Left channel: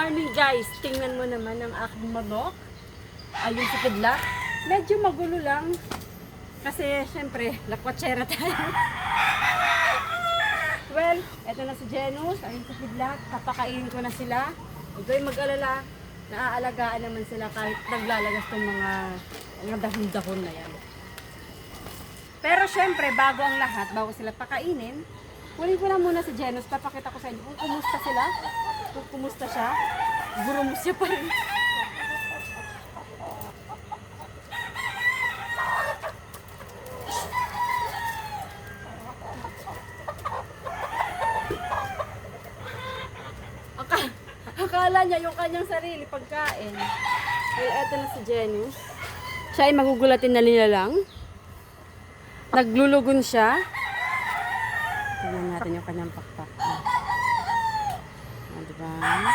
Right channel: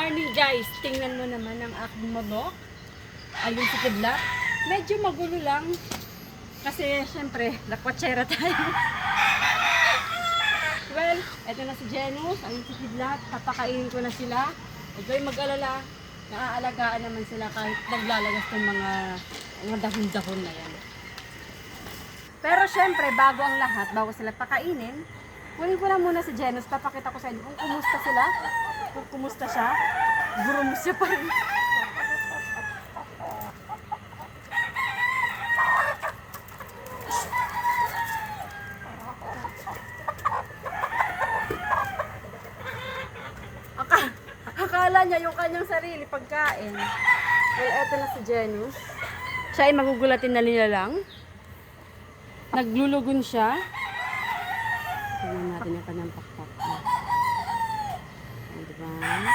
morning guys! Tingnan mo naman ang aking manok. Ayun si Kidlat. Medyo magulo lang. Kasi syempre, nakwatsera tayo. well, eto na si Jenus. Ayun si Kidlat. Papakainin ko na sila. Huwag kayong mag-alala. Naaalagaan naman sila kahit naglalagas ng mga, mga dahon-dahon na yan. Pero syempre, bago ang lahat, bago sila pakainin, kunin ko na muna si Jenus. Papakita ko sa inyo kung kumusta sila. Kung kumusta siya. Gurum siya pa rin. Aka, akala niya yung kanyang sarili pagkain. Well, eto na si Jenny. Siya ay magugulatin na lang. Naglulugon siya. Tingnan natin yung kanyang pakpak. Diba?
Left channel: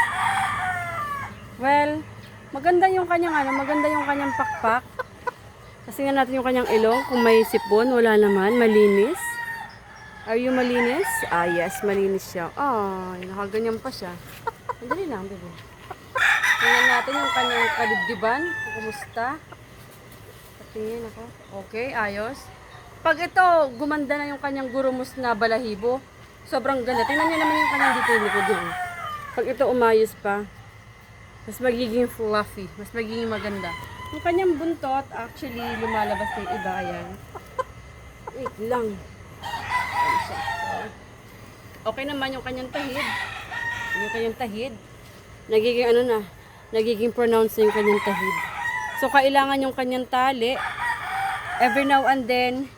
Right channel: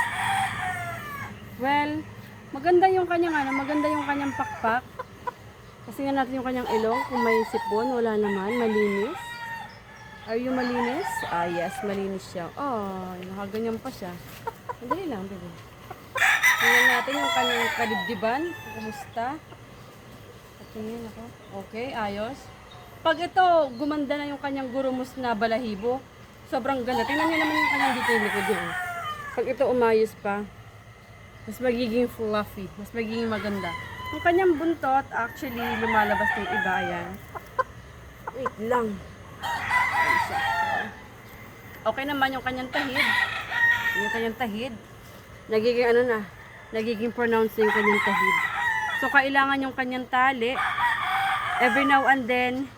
Well, maganda yung kanyang ano, maganda yung kanyang pakpak. Kasi nga natin yung kanyang ilong, kung may sipon, wala naman, malinis. Are you malinis? Ah, yes, malinis siya. Oh, nakaganyan pa siya. Madali lang, bebe. Tingnan natin yung kanyang kadibdiban, kumusta. Patingin ako. Okay, ayos. Pag ito, gumanda na yung kanyang gurumos na balahibo, sobrang ganda. Tingnan nyo naman yung kanyang dito likod yun. Pag ito umayos pa, mas magiging fluffy, mas magiging maganda. Yung kanyang buntot, actually, lumalabas ng iba, ayan. Wait lang. Okay naman yung kanyang tahid. Yung kanyang tahid. Nagiging ano na, nagiging pronounced yung kanyang tahid. So, kailangan yung kanyang tali, every now and then,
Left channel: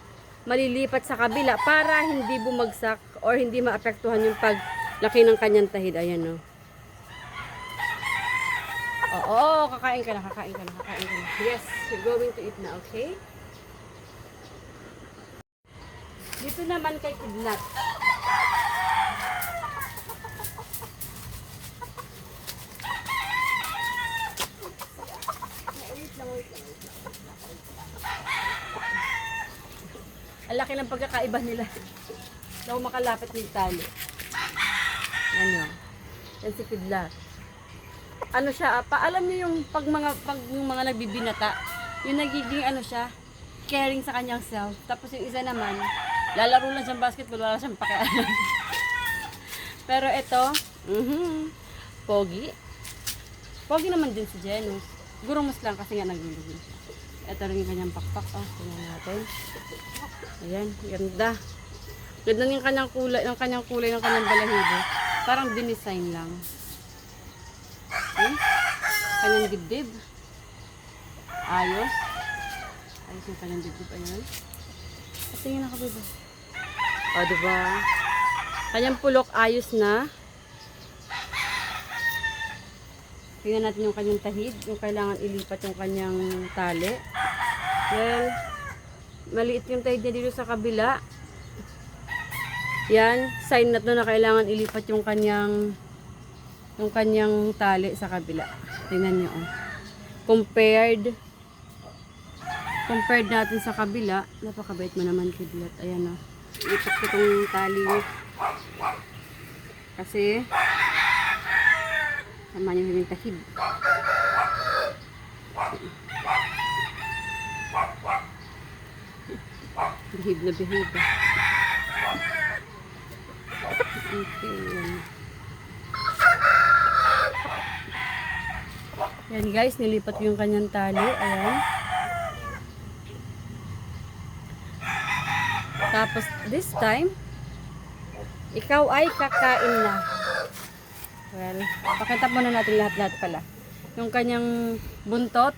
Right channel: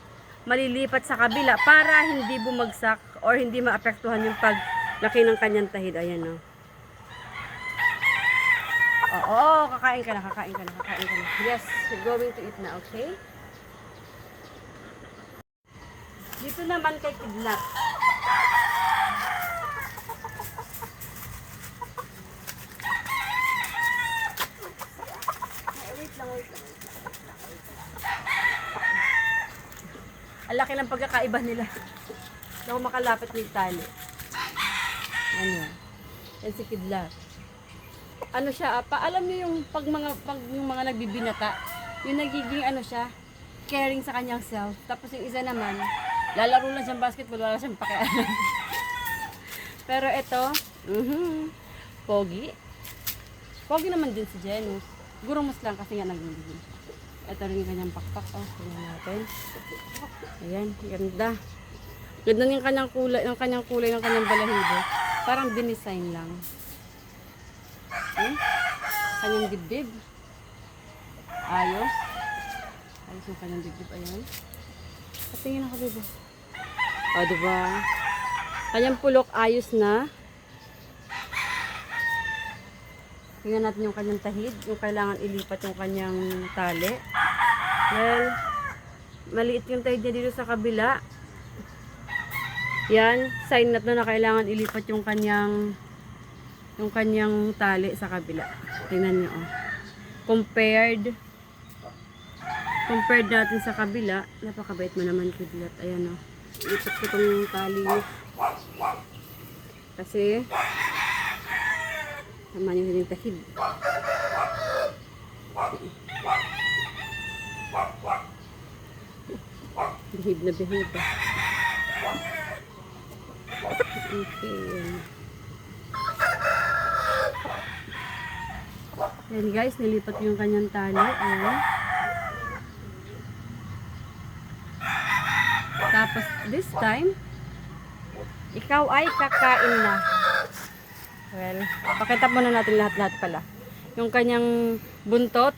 malilipat sa kabila para hindi bumagsak or hindi maapektuhan yung paglaki ng kanyang tahid. Ayan o. Oo, kakain ka na, kakain ka na, kakain ka na. Yes, you're going to eat na, okay? Dito naman kay lang. Ang laki ng pagkakaiba nila. Hindi makalapit ng tali. Ano? Yan si Kidlat. Ano siya, ah, pa, alam niyo yung pag mga, pag yung mga nagbibinata, yung nagiging ano siya, caring sa kanyang self. Tapos yung isa naman, lalaro lang siyang basketball, wala siyang pakialam. Pero ito, mhm, pogi. Pogi naman din si Janus. Gurumos lang kasi nga naglulugon siya. Ito rin yung kanyang pakpak. Oh, tingnan natin. Ayan, ganda. Ganda yung kanyang kulay, yung kanyang kulay ng kanyang balahibo. Parang dinisign lang. Hmm? Kanyang dibdib. Ayos. Ayos yung kanyang dibdib. Ayan. At ako, bebe. O, diba? Kanyang pulok ayos na. Tingnan natin yung kanyang tahid. Yung kailangan ilipat yung kanyang tali. Well, maliit yung tahid niya dito sa kabila. Yan, sign na to na kailangan ilipat yung kanyang yung kanyang tali sa kabila. Tingnan niyo oh. Compared compared natin sa kabila, napakabait mo naman kidlat. Ayan oh. Ilipat ko tali. Kasi sama niyo yung tahid. Behave na behave. Okay. yan. Yan guys, nilipat yung kanyang tali. Ayan. Tapos this time, ikaw ay kakain na. Well, pakita muna natin lahat-lahat pala. Yung kanyang buntot,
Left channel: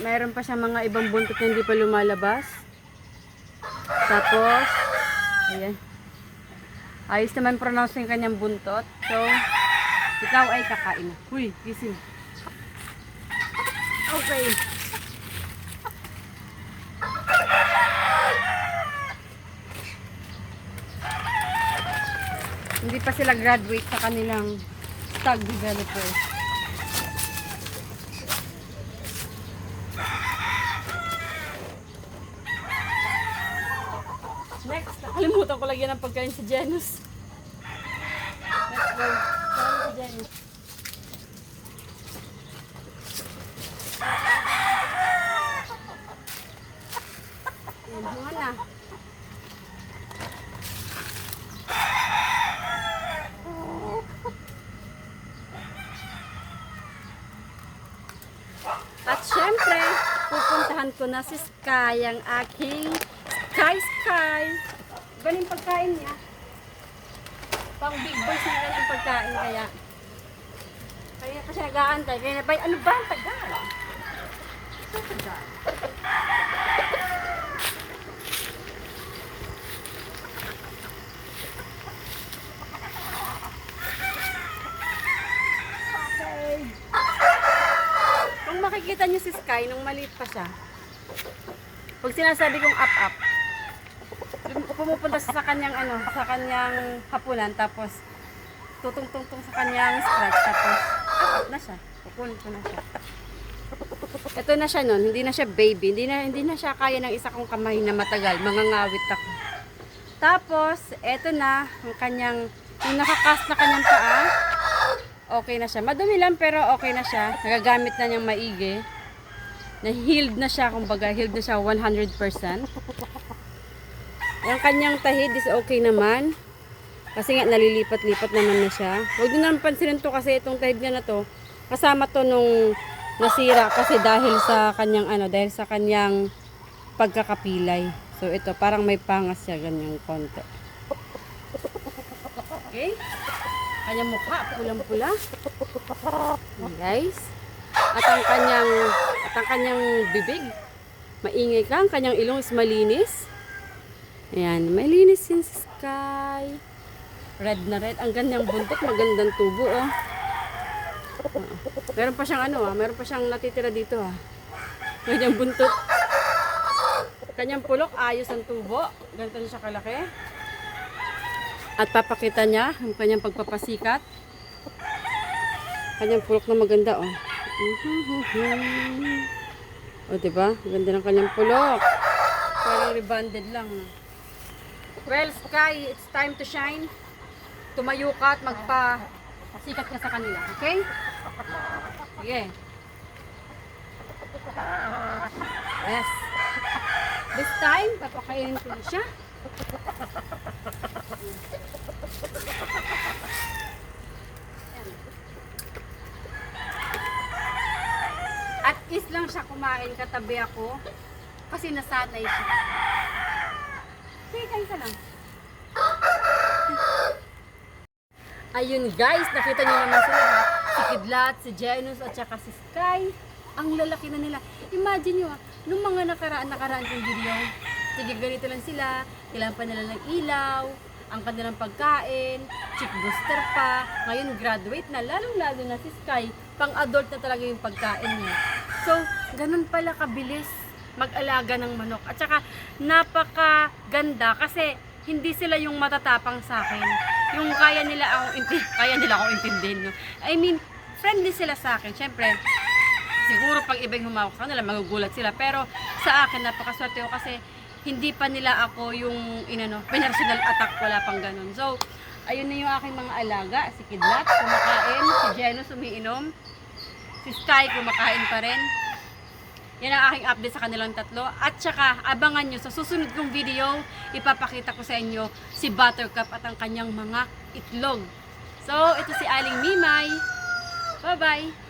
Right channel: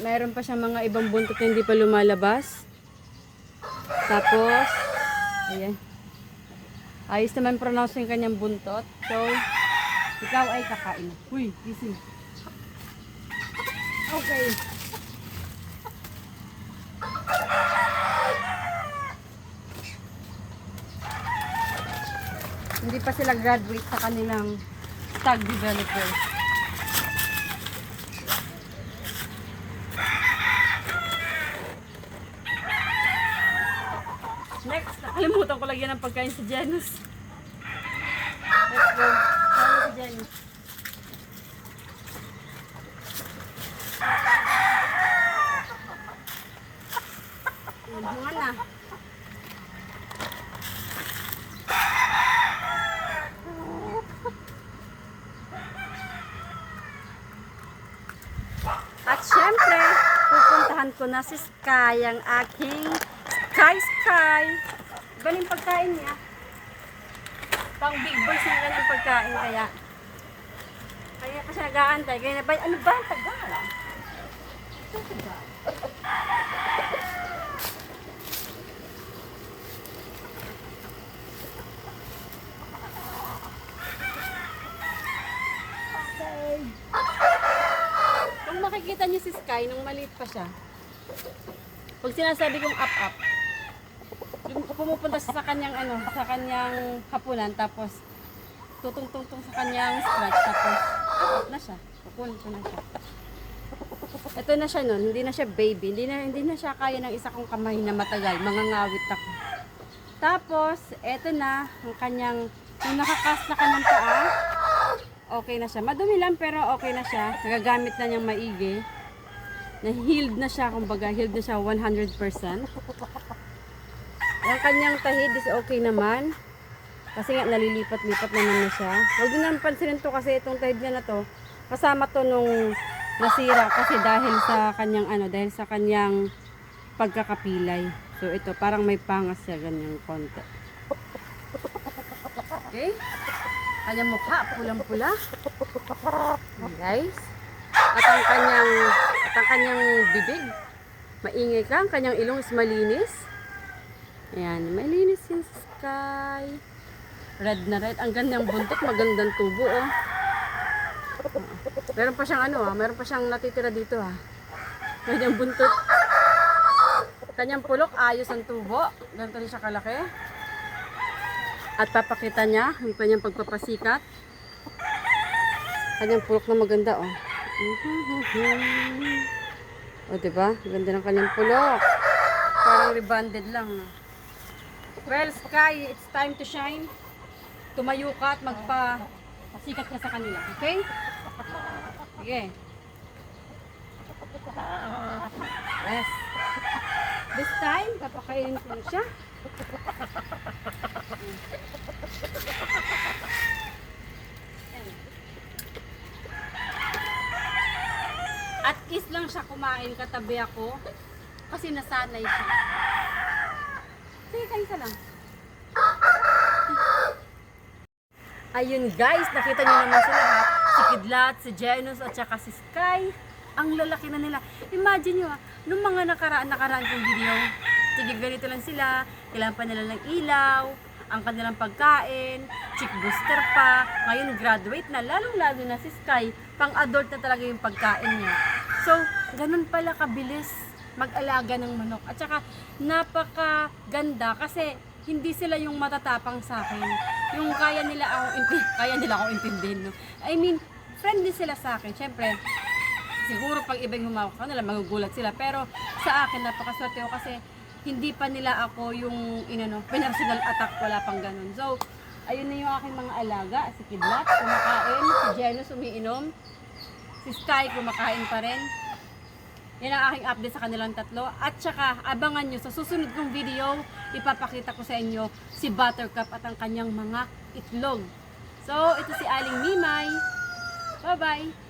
mayroon pa siya mga ibang buntot na hindi pa lumalabas. Tapos, ayan. Ayos naman pronounce yung kanyang buntot. So, ikaw ay kakain na. Uy, gising. Okay. Hindi pa sila graduate sa kanilang tag developer. Next, nakalimutan ko lagyan ng pagkain sa Janus. Let's go. Kaya si Janus. Nagmuha na. At syempre, pupuntahan ko na si Sky, ang aking Sky Sky. Ganun pagkain niya. Pang big boys na ganun pagkain kaya. Kaya pa siya nag-aantay. Kaya na ano ba ang tagal? Ano Ito tagal. Kung makikita niyo si Sky nung maliit pa siya, pag sinasabi kong up-up, dun- pumupunta sa kanyang ano, sa kanyang hapunan, tapos tutungtungtong sa kanyang scratch, tapos up-up na siya. Kukunin ko na siya. Ito na siya nun, hindi na siya baby, hindi na, hindi na siya kaya ng isa kong kamay na matagal, mangangawit ako. Tapos, eto na, yung kanyang, yung nakakas na kanyang paa, okay na siya. Madumi lang pero okay na siya. Nagagamit na niyang maigi. Na healed na siya, kumbaga healed na siya 100%. Yung kanyang tahid is okay naman. Kasi nga nalilipat-lipat naman na siya. Huwag niyo naman pansinin to kasi itong tahid niya na to. Kasama to nung nasira kasi dahil sa kanyang ano, dahil sa kanyang pagkakapilay. So ito parang may pangas siya ganyang konti. Okay? Kanyang mukha, pulang-pula. Guys. At ang kanyang, at ang kanyang bibig, maingay ka. Ang kanyang ilong is malinis. Ayan, malinis yung sky. Red na red. Ang gandang buntot, magandang tubo, oh. Meron pa siyang ano, ah. Meron pa siyang natitira dito, ah. Kanyang buntot. Kanyang pulok, ayos ang tubo. Ganito siya kalaki. At papakita niya ang kanyang pagpapasikat. Kanyang pulok na maganda, oh. O, diba? Ganda ng kanyang pulok. Parang rebonded lang, no? Well, Sky, it's time to shine. Tumayo ka at magpa-sikat ka sa kanila, okay? Sige. Yes. This time, papakainin ko siya. At is lang siya kumain katabi ako kasi nasanay siya. Sige, kain ka lang. Ayun guys, nakita niyo naman sila ha. Si Kidlat, si Janus at saka si Sky. Ang lalaki na nila. Imagine nyo ha, nung mga nakaraan nakaraan kong video, sige ganito lang sila, kailangan pa nila ng ilaw, ang kanilang pagkain, chick booster pa, ngayon graduate na, lalong lalo na si Sky, pang adult na talaga yung pagkain niya. So, ganun pala kabilis mag-alaga ng manok. At saka, napakaganda kasi hindi sila yung matatapang sa akin. Yung kaya nila akong inti- kaya nila akong intindihin. No? I mean, friendly sila sa akin. Siyempre, siguro pag ibang humawak sa kanila, magugulat sila. Pero sa akin, napakaswerte ko kasi hindi pa nila ako yung inano, personal attack, wala pang ganun. So, ayun na yung aking mga alaga. Si Kidlat, kumakain. Si Jenus, umiinom. Si Sky, kumakain pa rin. Yan ang aking update sa kanilang tatlo. At saka, abangan nyo sa susunod kong video, ipapakita ko sa inyo si Buttercup at ang kanyang mga itlog. So, ito si Aling Mimay. Bye-bye!